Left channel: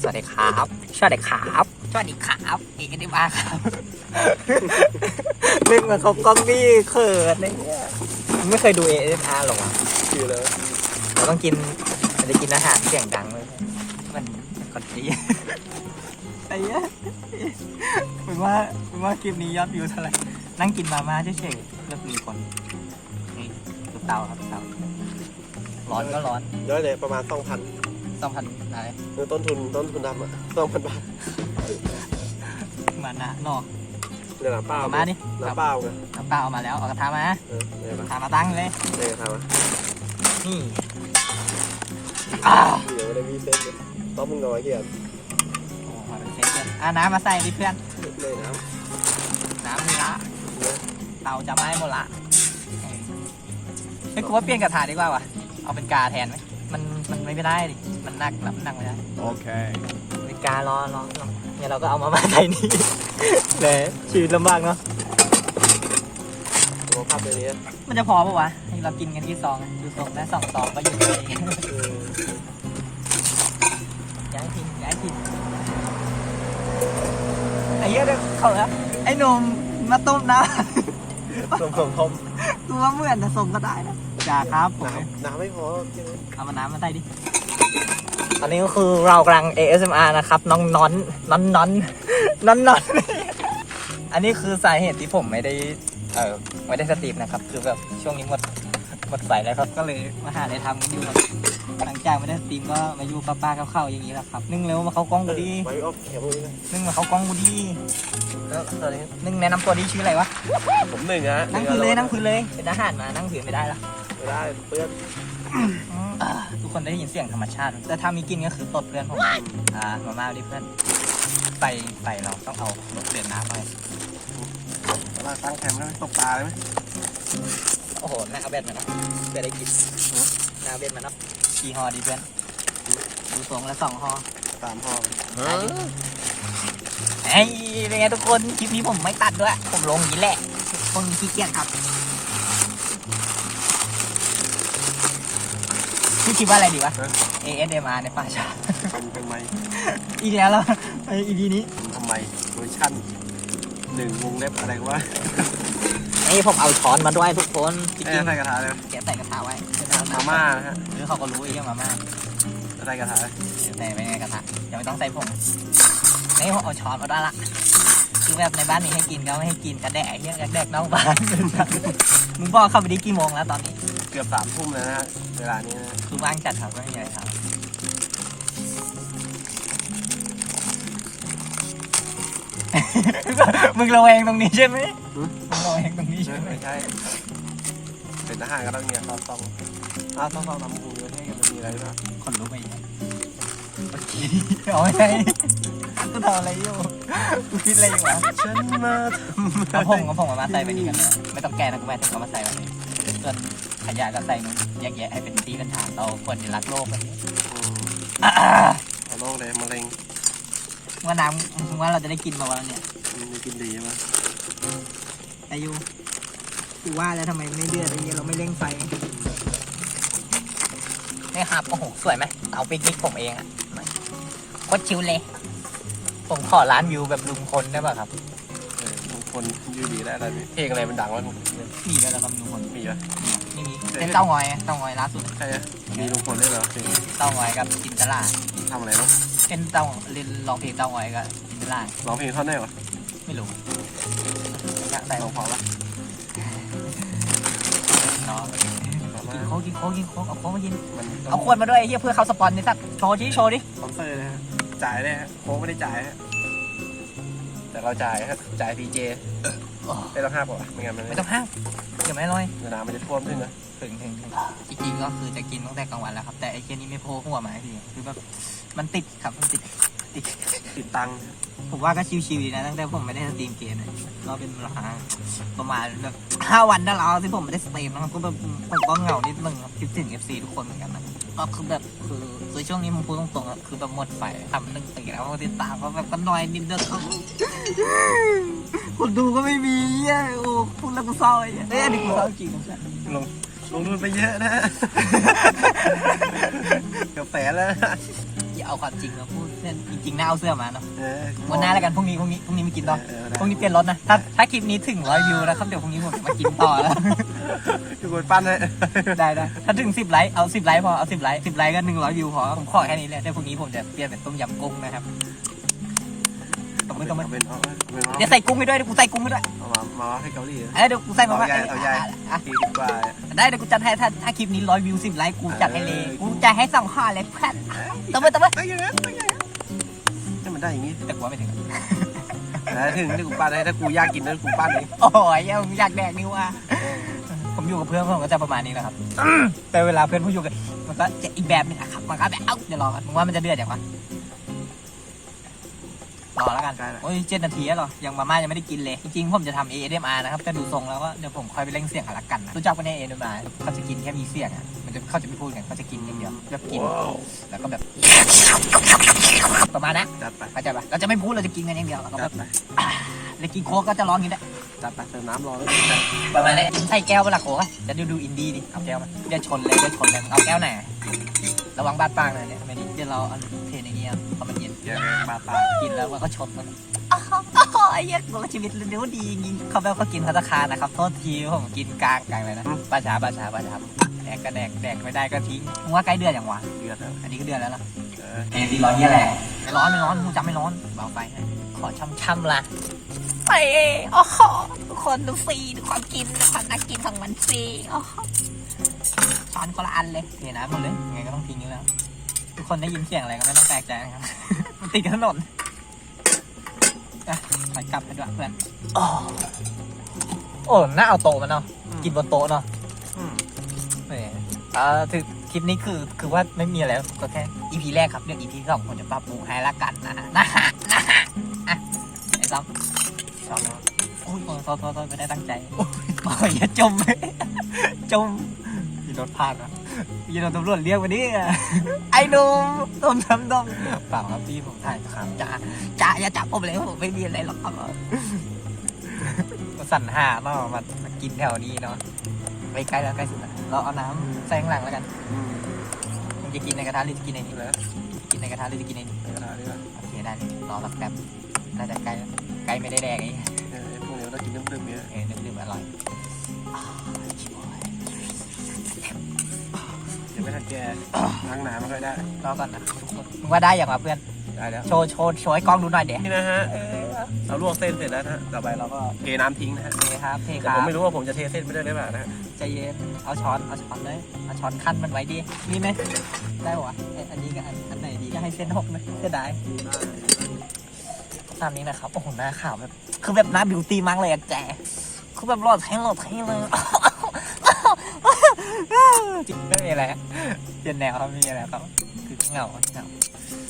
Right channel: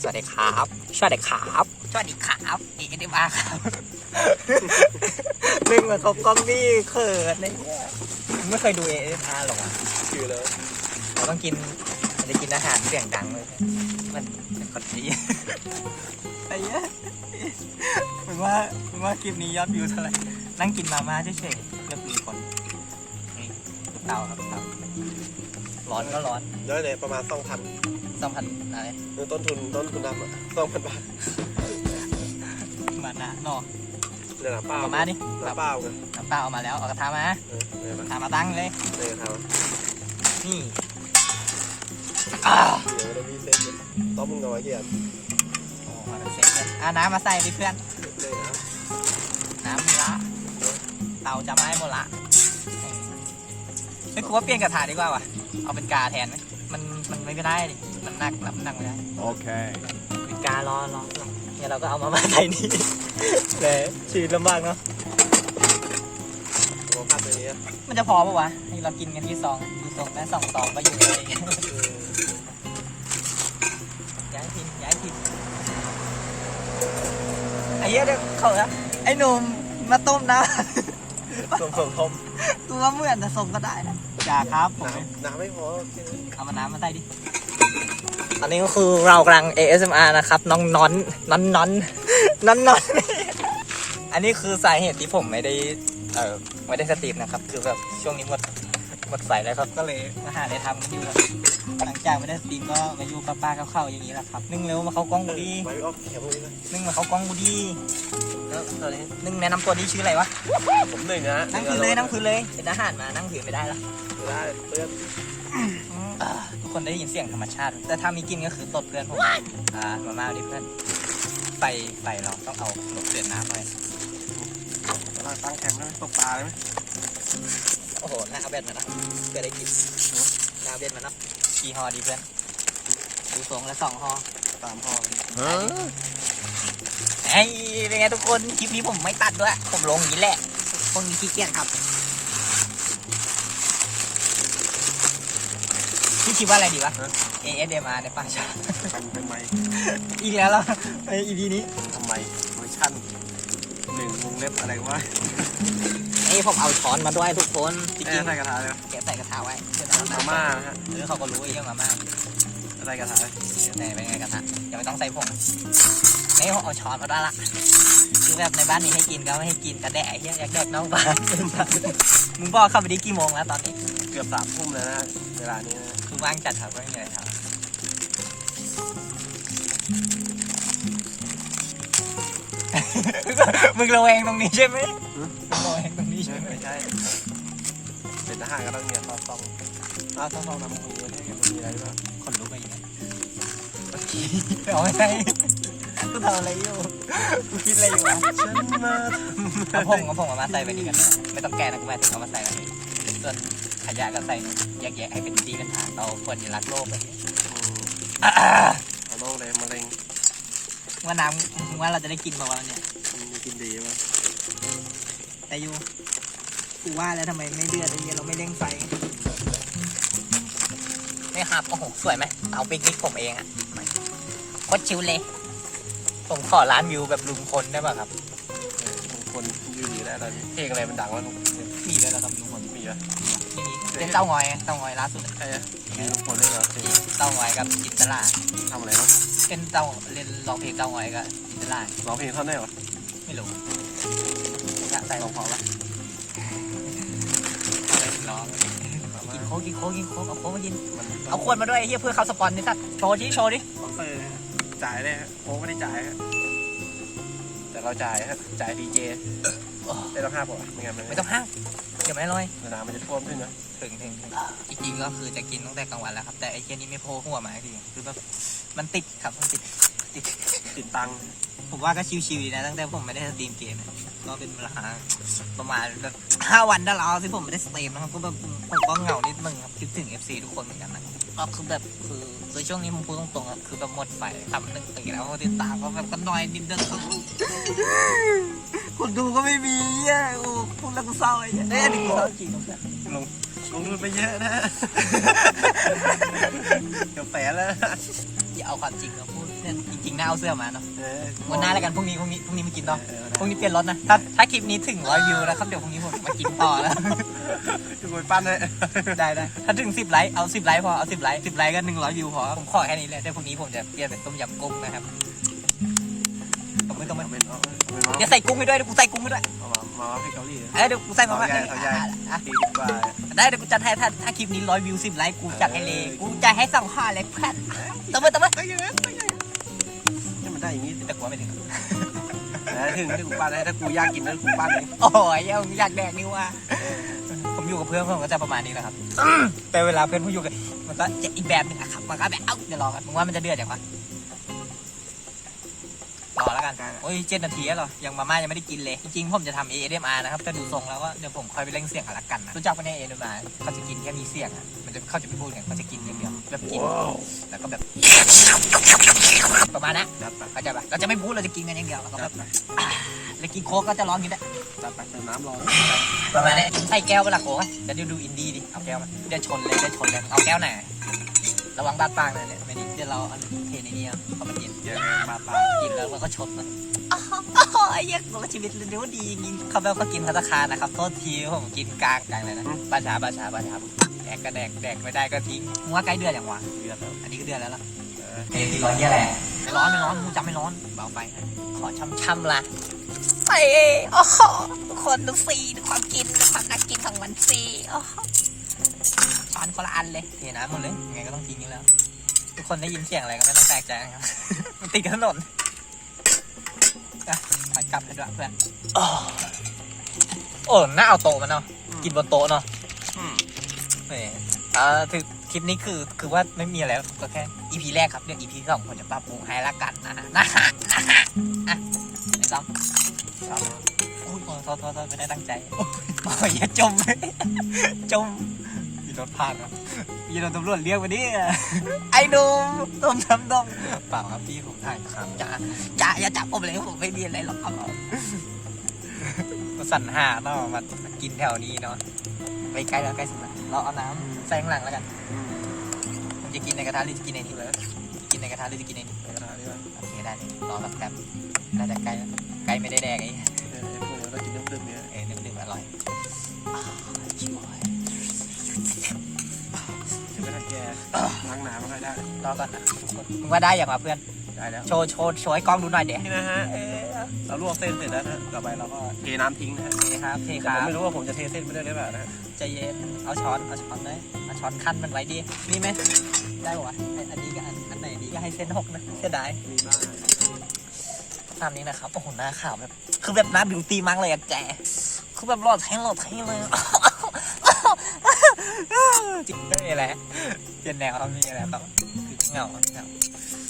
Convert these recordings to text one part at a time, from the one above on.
สวัสดีครับสวัสดีครับสวัสดีครับเอกได้มาครับนึกเหมือนเขากล้องนี่เขินอะไรเนี่ยไม่เคยดูเอเออาร์หรอวะคือเลยเราต้องกินเราจะกินอาหารเสียงดังเลยมันเป็นคนดีไอ้เนี้ยเหมือนว่าเหมือนว่าคลิปนี้ยอดวิวเท่าไหร่นั่งกินมาม่าเฉยๆแล้วมีคนนี่ดูเตาครับเตาร้อนก็ร้อนแล้วเนี่ยประมาณสองพัน สองพันอะไรต้นทุนต้นทุนดำอะสองพันบาทมานะนอกเดี๋ยวน้ำเปล่าเอามาดิน้ำเปล่าไงน้ำเปล่าเอามาแล้วเอากระทะมาเออเนี่ยกมาระทะมาตั้งเลยเนี่ยครับนี่อ่าเดี๋ยวไม่ได้มีเซ็ตเลยต้องมึงน้อยเหี้ยโอ้โหเสร็จแล้วอะน้ำมาใส่ดิเพื่อน เลยนะน้ำมีละเตาจะไหม้หมดละเฮ้ยกูว่าเปลี่ยนกระทะดีกว่าวะเอาเป็นกาแทนไหม มันมันไม่ได้ดิมันหนักรับหนักไม่ได้ Okay. เป็นการอรอรอเนี่ยเราก็เอามามาใส่นี่ แหมชีวิตลำบากเนาะตัวภาพตัวนี้มันจะพอปะวะให้เรากินกันที่ซองดูซองนะสองซองก็อยู่เลยเออย้ายทีมย้ายทีมไอ้เหี้ยเดี๋ยวเขาอะไอ้หนุ่มมาต้มน้สมสมทมำตัวเหมือนผสมก็ได้นะ อย่าครับผมน้ำน้ำไม่พอแค่นั้นเอามาน้ำมาใส่ดิตอนนี้ก็คือเรากำลัง ASMR นะครับ น้องนอนน้อนนอนนอนนอนอันนี้คือสาเหตุที่ผมไม่ได้เออไม่ได้สตรีมนะครับ คือแบบช่วงนี้หมดหม ดไฟแล้วครับ ก็เลยมาหาอะไรทำกันอยู่ครับหลังจากไม่ได้สตรีมก็มาอยู่ป้าๆกับเข้าๆอย่างนี้แหละครับ นึ่งเร็วมาเข้ากล้องเอกูอดีไว้ออฟแถวพวกนี้นะนึ่งมาเข้ากล้องกูดีแล้วตอนนี้นึ่งแนะนำตัวนี้ชื่ออะไรวะผมหนึ่งนะนั่งพื้นเลยนั่งพื้นเลย เป็นอาหารมานั่งพื้นไม่ได้ละไม่ได้เพื่อนอ่าทุกคนได้ยินเสียงธรรมชาติ แต่ถ้ามีกินก็คือตดเพื่อนผมอ่ามาม่าดิเพื่อนไฟไฟเราต้องเอาเปลี่ยนน้ำไปเราตั้งแคมป์นะตกปลาเลยไหมโอ้โหหน้าเบ็ดมานะเบ็ดได้กินหน้าเบ็ดมานะกี่ฮอดีเพื่อนดูทรงแล้วสองฮอตามพ่อไอ้ยเป็นไงทุกคนคลิปนี้ผมไม่ตัดด้วย ผมลงอย่างนี้แหละคนขี้เกียจครับพี่คิดว่าอะไรดีวะ ASMR ในป่าชาทำทำไม อีกแล้วเหรอไออีพีนี้ทำไมเวอร์ชั่น หนึ่งวงเล็บอะไรวะไอ้ผมเอาช้อนมาด้วยทุกคนจริแม่งใส่กระทะเลยๆเก็บใส่กระทะไว้มาม่านะฮะเรื่องเขาก็รู้เรื่องมาม่าใส่กระทะเลยในไม่ในกระทะยังไม่ต้องใส่ผงนี่ผมเอาช้อนมาได้ละคือแบบในบ้านนี้ให้กินก็ไม่ให้กินกระแดะเรื่องอยากเดินนอกบ้านมึงบอกเข้าไปได้กี่โมงแล้วตอนนี้ เกือบสามทุ่มแล้วนะฮะเวลานี้นะคือว่างจัดครับไม่มีอะไรครับ มึงระแวงตรงนี้ใช่ไหมมึงระแวงตรงนี้ใช่ไหมไม่ใช่ เป็นทหารก็ต้องเนี่ยซองซองอ้าวซองซองทำมือให้กันมีอะไรหรือเปล่าคนลุกไปอย่างเงี้ยเอาไงกูทำอะไรอยู่กูคิดอะไรอยู่วะฉันมาเอาผงเอาผงเอามาใส่ไปนี่กันเลยไม่ต้องแกะนะกูไม่ต้องเอามาใส่ไว้นี่ส่วนขยะก็ใส่นู่นแยกแยะให้เป็นที่เป็นฐานเราควรจะรักโลกแบบนี้อ่าเอาโรคเลยมะเร็ง ว่าน้ำมึงว่าเราจะได้กินมาวันเนี่ยมีกินดีมั้ยแต่อยู่กูว่าแล้วทำไมไม่เดือดอะไรเงี้ยเราไม่เร่งไฟนี่ครับโอ้โหสวยไหมเตาปิกนิกผมเองอะโคตรชิวเลย ผมขอร้านวิวแบบลุงพลได้ป่ะครับเออทุกคนดีดีแล้วตอนนี้เพลงอะไรมันดังวะมีเลยเหรอครับลุงพลมีอะไม่มีเป็นเต้างอยเต้างอยล่าสุดใช่อะมีลุงพลด้วยเหรอเพลงเต้างอยกับจินตลาทำอะไรเนาะ เป็นเต้าเรียนร้องเพลงเต้างอยกับจินตลาร้องเพลงท่อนได้เหรอไม่รู้นะแต่ร้องพอปะน้องกินโค้กกินโค้กกินโค้กเอาโค้กมากินมันเอาขวดมาด้วยไอ้เฮียเพื่อเขาสปอนนี่สัตว์โชว์ดิโชว์ดิสปอนเซอร์นะฮะจ่ายเลยฮะโค้งไม่ได้จ่ายฮะแต่เราจ่ายฮะจ่ายพีเจโอ้ ไม่ต้องห้าปะไม่งั้นมันไม่ต้องห้ามเดี๋ยวไม่อร่อยเวลามันจะท่วมขึ้นนะถึงถึงถึงจริงๆก็คือจะกินตั้งแต่กลางวันแล้วครับแต่ไอ้เจนี่ไม่โผล่หัวมาให้ทีคือแบบมันติดครับมันติดติดติดตังค์ ผมว่าก็ชิวๆนะตั้งแต่ผมไม่ได้สตรีมเกมนี่ยก็เป็นเวลาประมาณแบบห้าวันได้แล้วที่ผมไม่ได้สตรีมนะครับก็แบบผมก็เหงานิดนึงครับคิดถึง FC ทุกคนเหมือนกันนะก็คือแบบคือคือช่วงนี้ผมพูดตรงๆครับคือแบบหมดไฟทำหนึ่งตื่นแล้วติดตามก็แบบก็น้อยนิดเดียวคนดูก็ไม่มีเหี้ยโอ้พูดแล้วกูเศร้าไอ้เหี้ยเอ้ยอันนี้กูเศร้าจริงนะลงลงทุนไปเยอะนะเกือบแสนแล้วนะอย่าเอาความจริงมาพูด เพื่อนจริงๆน่าเอาเสื้อมาเนาะเออวันหน้าแล้วกันพรุ่งนี้พรุ่งนี้พรุ่งนี้ไม่กินต่อเออพรุ่งนี้เปลี่ยนรถนะถ้าถ้าคลิปนี้ถึงร้อยวิวนะครับเดี๋ยวพรุ่งนี้ผมจะมากินต่อแล้วจุกยปั้นเลยได้ได้ถ้าถึงสิบไลค์เอาสิบไลค์พอเอาสิบไลค์สิบไลค์ก็หนึ่งร้อยวิวพอผมขอแค่นี้เลยเดี๋ยวพรุ่งนี้ผมจะเปลี่ยนเป็นต้มยำกุ้งนะครับตบมือตบมือเอาเป็นเอาเป็นเอาเดี๋ยวใส่กุ้งให้ด้วยเดี๋ยวกูใส่กุ้งให้ด้วยเอามามาให้เกาหลีเอ้ยเดี๋ยวกูใส่มาเอาว่าใหญ่เอาใหญ่อะ สี่สิบกว่าได้เดี๋ยวกูจัดให้ถ้าถ้าคลิปนี้ร้อยวิวสิบไลค์กูจัดให้เลยกูจะให้สองข้อเลยแค่ตบมือตบมือ ได้ยังไงได้ยังไงนี่มัน ได้อย่างนี้แต่กูว่าไม่ถึงแต่ถึงที่กูปั้นให้ถ้ากูอยากกินนั้นกูปั้นเองโอ้ยยังอยากแดกนี่ว่าผมอยู่กับเพื่อนผมก็จะประมาณนี้แหละครับ แต่เวลาเพื่อนผมอยู่กันมันก็จะอีกแบบหนึงอะครับมันก็แบบเอ้าเดี๋ยวรอกันมึงว่ามันจะเดือดอย่างวะรอแล้วกันโอ้ยเจ็ดนาทีแล้วเหรอยังมาม่ายังไม่ได้กินเลย จริงๆผมจะทำ ASMR นะครับแต่ดูทรงแล้วก็เดี๋ยวผมค่อยไปเล่งเสียงกันละกันนะรู้จักปะเนี่ย ASMR เขาจะกินแค่มีเสียงอะมันจะเขาจะไม่พูดกันเขาจะกินอย่างเดียวแบบกินแล้วก็แบบ ประมาณนั้นจัดไปเข้าใจปะเราจะไม่พูดเราจะกินกันอย่างเดียวแล้วก็จัแบดบไปแล้วกินโค้กก็จะร้องอย่างนี้แหละจัดไปเติมน้ำรอประมาณนี้ใส่แก้วเวลาโค้กอะเดี๋ยวดูดูอินดี้ดิเอาแก้วมาเดี๋ยวชนเลยเดี๋ยวชนเลยเอาแก้วไหนระวังบาดปากหน่อยเนี่ยไม่ดีเดี๋ยวเราเอาเทในเงี้ยพอมันเย็นเยอะมาปากินแล้วมันก็ชนมันอ๋อไอ้เหี้ยโลชีวิตเร็วดีกินเขาแบบเขากินพัตตาคารนะครับโทษทีผมกินกลางกลางเลยนะปลาชาปลาชาปลาชาแดกก็แดกแดกไม่ได้ก็ทิ้งมึงว่าใกล้เดือนอย่างวะเดือดแล้วอันนี้ก็เดือนแล้วล่ะ เออเฮ้ยที่ร้อนเยี่ยแหละร้อนไม่ร้อนมึงจำไม่ร้อนเบาไปขอช่ำๆละไอ้โอ้โหทุกคนดูฟรีดูความกินดูความน่ากินของมันฟรีโอ้โหช้อนคนละอันเลยเทน้ำหมดเลยยังไงก็ต้องทิ้งอยู่แล้ว ทุกคนได้ยินเสียงอะไรก็ไม่ต้องแปลกใจนะครับมันติดถนนอะไปกลับกันด้วยเพื่อนโอ้น่าเอาโต๊ะมันเนาะกินบนโต๊ะเนาะอืมเออเอ่อคือ ลิปนี้คือคือว่าไม่มีอะไรก็แค่ EP แรกครับเรื่อง EP สองผมจะปรับปรุงให้ละกันนะฮะนะฮะนะฮะอะไอ้ซ้ำชอบนะโอ้ยโทษโทษโทษไม่ได้ตั้งใจโอ้ยอย่าจมจมมีรถผ่านเหรอมีรถตำรวจเรียกมาดิไอ้หนุ่มต้มช้ำต้มเปล่าครับพี่ผมถ่ายครับจ้าจ้าอย่าจับผมเลยผมไม่มีอะไรหรอกสั่นหามามามากินแถวนี้เนาะไปใกล้แล้วใกล้สุดแล้ว เราเอาน้ำใส่ข้างหลังแล้วกันอืมผมจะกินในกระทะหรือจะกินในนี้นี่แหละกินในกระทะหรือจะกินในนี้ในกระทะนี่แหละโอเคได้รอรับแป๊บน่าจะใกล้แล้วใกล้ไม่ได้แดงไอ้เออไอ้พวกนี้เรากินน้ำดื่มเนี่ยเออนึ่งดื่มอร่อยอ่าชิบหายยังไม่ทันแกล้างน้ำไม่ค่อยได้รอก่อนนะทุกคนมึงว่าได้อย่างมาเพื่อนได้แล้วโชว์โชว์โชว์ให้กล้องดูหน่อยเดี๋ยวนี่นะฮะ เออเราลวกเส้นเสร็จแล้วนะฮะต่อไปเราก็เทน้ำทิ้งนะฮะโอเคครับเทคแต่รัผมบไม่รู้ว่าผมจะเทเส้นไปได้หรือเปล่านะฮะใจเย็นเอาช้อนเอาช้อนเลยเอาช้อนขั้นมันไว้ดินี่ไหมได้ปะวะเอ้ยอันนี้กับอันอันไหนดีจะให้เส้นหกไหมเสียดายมีบ้างตามนี้นะครับโอ้โหหน้าขาวแบบคือแบบหน้าบิวตี้มากเลยอะแกคือแบบหลอดแทงหลอดแทงเลยจริงไม่มีอะไรเปลี่ยนแนวครับมีอะไรครับคือเหงาเหงา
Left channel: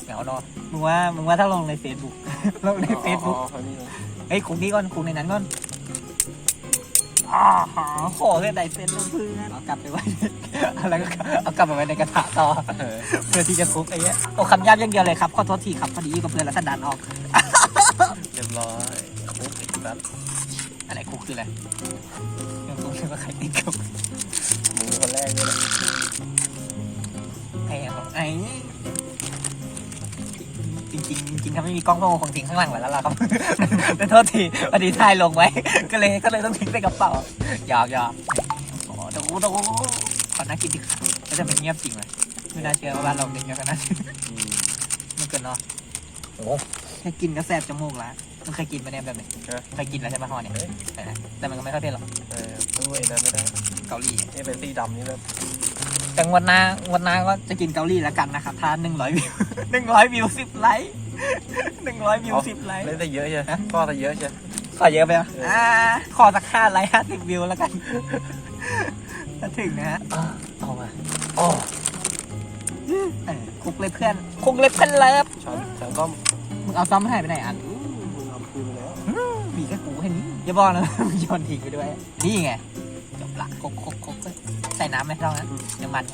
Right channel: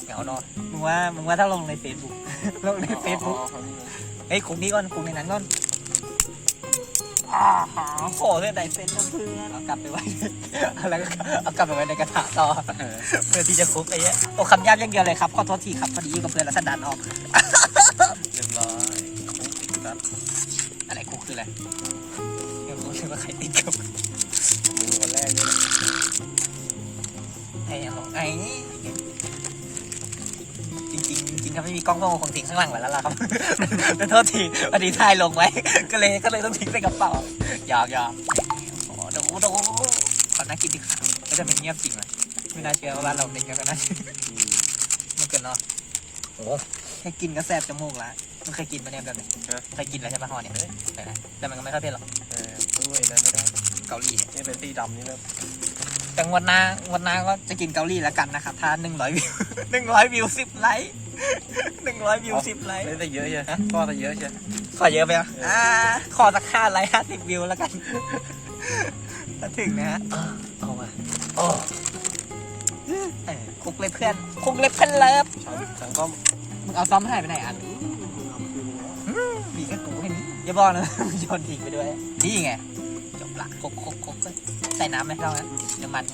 เหงาเนอนมึงว่ามึงว่าถ้าลงในเฟซบุ๊ก ลงในเฟซบุ๊กอ๋อเขานี่เลยเฮ้ยคุกนี้ก่อนคุกในนั้นก่อนอ่าหาขอเลยไหนเป็นน้ำพึ่งนะเอากลับไปไว้อะไรก็เอากลับไปไว้ในกระถางต่อเออเพื่อที่จะคุกไอ้เนี้ยโอ้คำยากอย่างเดียวเลยครับขอโทษทีครับพอดีกับเพื่อนแล้วก็ดันออกเรียบร้อยคลุกอีกครับอะไรคุกคืออะไรยังไม่รู้ว่าใครติดคุก ม่มีกล้องก็คงทิ้งข้างหลังไว้แล้วล่ะครับแต่โทษทีพอดีถ่ายลงไว้ ก็เลยก็เลยต้องทิ้งใส่กระเป๋าหยอกหยอกโอ้ดูดูขอน่ากินดิก็จะเป็นเงียบจริงเลยไม่น่าเชื่อว่าบ้านเราเป็นกันขนาดนี้อืมมันเกินเนาะโอ้แค่กินก็แสบจมูกละมึงเคยกินไหมเนี่ยแบบนี้เออเคยกินแล้วใช่ไหมฮอเนี่ยเคยนะแต่มันก็ไม่ค่อยเผ็ดหรอกเออด้วยนะไม่ได้เกาหลีเนี่ยนี่เป็นสีดำนี่เลยแต่งวันหน้างวันหน้าก็จะกินเกาหลีแล้วกันนะครับถ้าหนึ่งร้อยวิวหนึ่งร้อยวิวสิบไลค์ หนึ่งร้อยวิวสิบไลค์เล่นแต่เยอะใช่ก็แต่เยอะใช่ขอเยอะไปอะเอออ่อ่าขอสักห้าไลค์ห้าสิบวิวแล้วกันถ้าถึงนะฮะเอามาเออคุกเลยเพื่อนคุกเลยเพื่อนเลิฟช้อนช้อนต้มมึงเอาซ้ำหายไปไหนอันอืมมึงเอาคืนไปแล้วมีแค่กูแค่นี้อย่าบอกนะว่ามึงโยนทิ้งไปด้วยนี่ไงจบละคุกคุกคุกใส่น้ำไหมเรานะน้ำมัน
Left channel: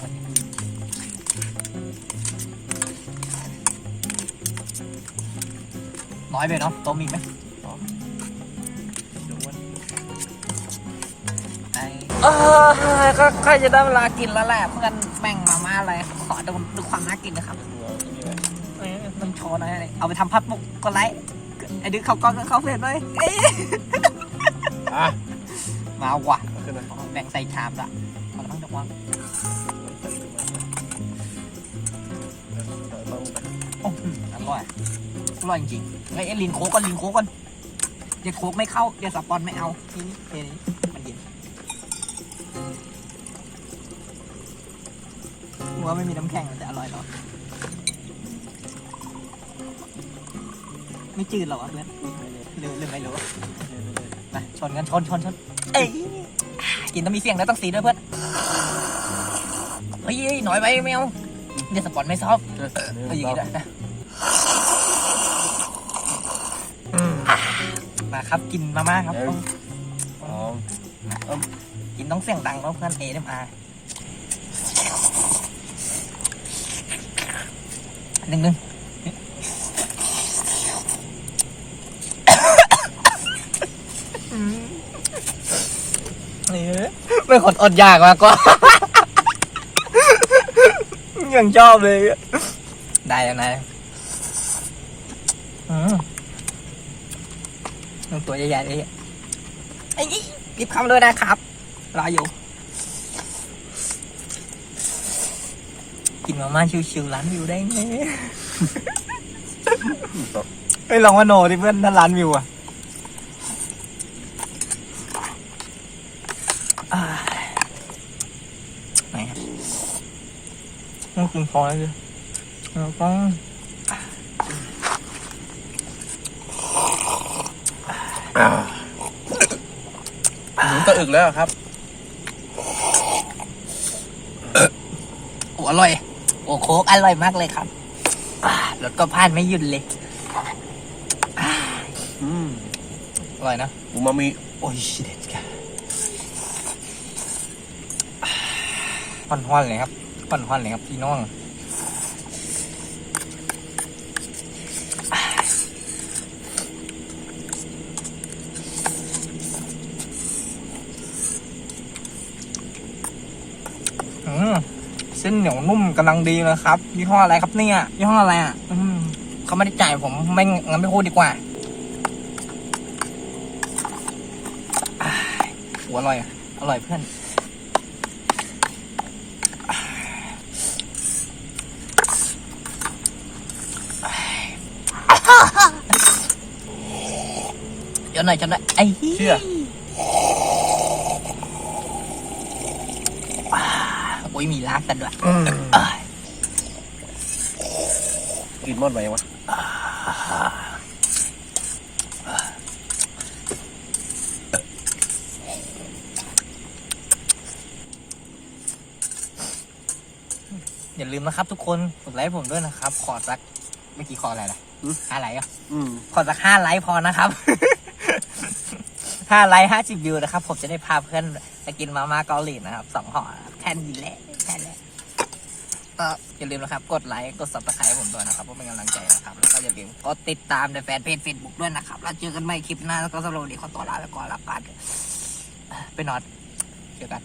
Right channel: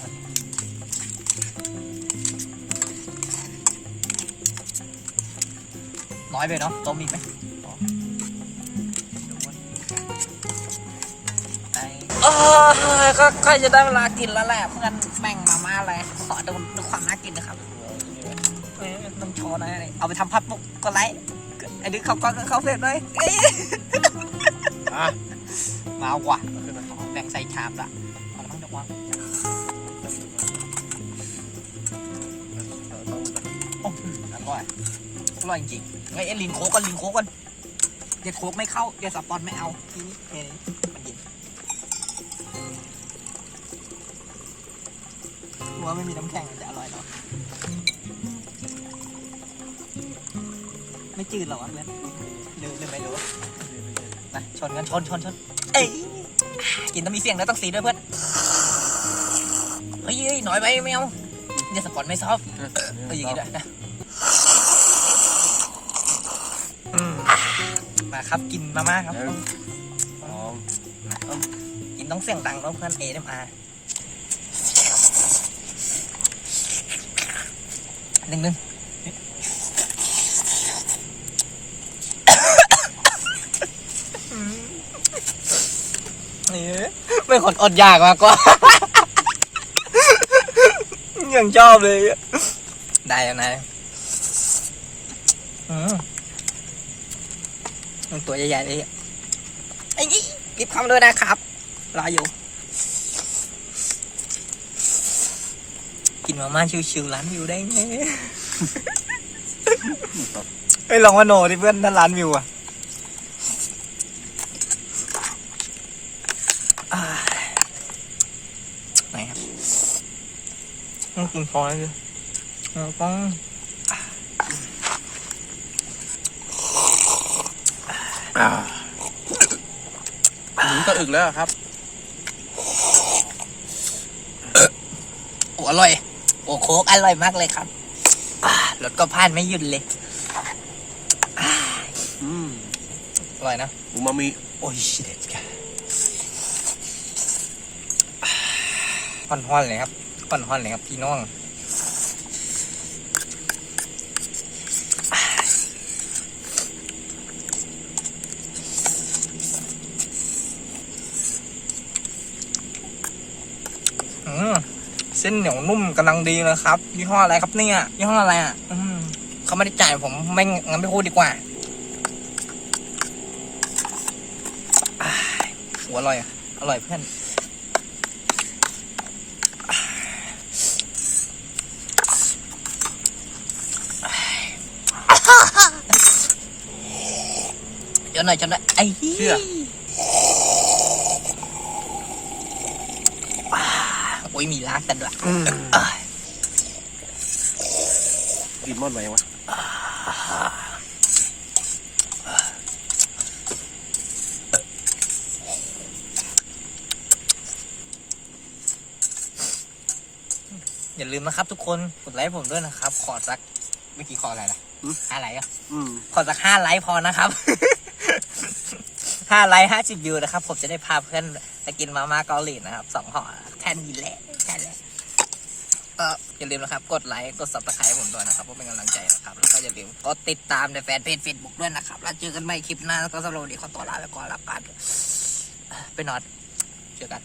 น้อยไปเนาะต้มอีกไหมเดี๋ยวว่าไปเอออก็ก็จะได้เวลากินแล้วแหละเพื่อนแบ่งมาม่าอะไรขอดูดูความน่ากินนะครับเอ้ยมันโชว์หน่อยเอาไปทำพัดมุกก็ไลค์ไอ้ดึกเขากล้องก็เข้าเฟซเลยเอ้ยอะมาว่ะเอาขึ้นมาแบ่งใส่ชามละเอาละมั้งเดี๋ยววางเราต้องโอ้โหอร่อย อร่อยจริงๆไอ้ยไอ้ลินโค้กกันลินโค้กกันเด็ดโค้กไม่เข้าเด็ดสปอนไม่เอานี่เพลงมันดินหัวไม่มีน้ำแข็งแต่อร่อยเนาะไม่จืดหรอวะเพื่อนหรือหรือไม่รู้นะชนกันชนชนชนเอ้ยกินต้องมีเสียงแล้วต้องสีด้วยเพื่อนเฮ้ยเฮ้ยหน่อยไปไม่เอาเดี๋ยวสปอนไม่ชอบเอ้ยเดี๋ยวนะ มาครับกินมาม่าครับอ๋อกินต้องเสียงดังแล้วเพื่อนเอเอ็มอาร์หนึ่งหนึ่งนี่เป็นคนอดอยากมากกว่ายังชอบเลย ได้แล้วนายอืมมัน ตัวใหญ่ๆเลยไอ้นี่รีบคำเลยนะครับรออยู่ กินมาม่าชิวๆร้านวิวได้ไหมเฮ้ยลองว่าโนดิเพื่อนถ้าร้านวิวอะอ่าไหนครับต้องกินฟอยเลยต้อง อ่าหนุนตะอึกแล้วครับ โอ้อร่อย โอ้โค้กอร่อยมากเลยครับอ่าแล้วก็พลาดไม่หยุดเลย อืมอร่อยนะ อูมามิ โอ้ยชิเด็ดแกห่อนห่อนๆเลยครับห่อนห่อนๆเลยครับพี่น้อง เส้นเหนียวนุ่มกำลังดีเลยครับยี่ห้ออะไรครับเนี่ยยี่ห้ออะไรอะเขาไม่ได้จ่ายผมไม่งั้นไม่พูดดีกว่าโอ้อร่อยอะอร่อยเพื่อนจนหน่อยจนหน่อยไอ้เชื่อ อ้ยมีล้างกันด้วยอืมกินมอดไหมวะอย่าลืมนะครับทุกคนกดไลค์ผมด้วยนะครับ ขอสักเมื่อกี้ขออะไรล่ะห้าไลค์อะอืมขอสักห้าไลค์พอนะครับห้าไลค์ห้าสิบวิวนะครับ ผมจะได้พาเพื่อนไปกินมาม่าเกาหลีนะครับสองห่อแค่นี้แหละแค่นี้ ก็อย่าลืมนะครับ กดไลค์กดซับสไครต์ผมด้วยนะครับเพื่อเป็นกำลังใจนะครับแล้วก็อย่าลืมกดติดตามในแฟนเพจเฟซบุ๊กด้วยนะครับแล้วเจอกันใหม่คลิปหน้าแล้วก็สโลว์ดีขอตัวลาไปก่อนละกันไปนอนเจอกัน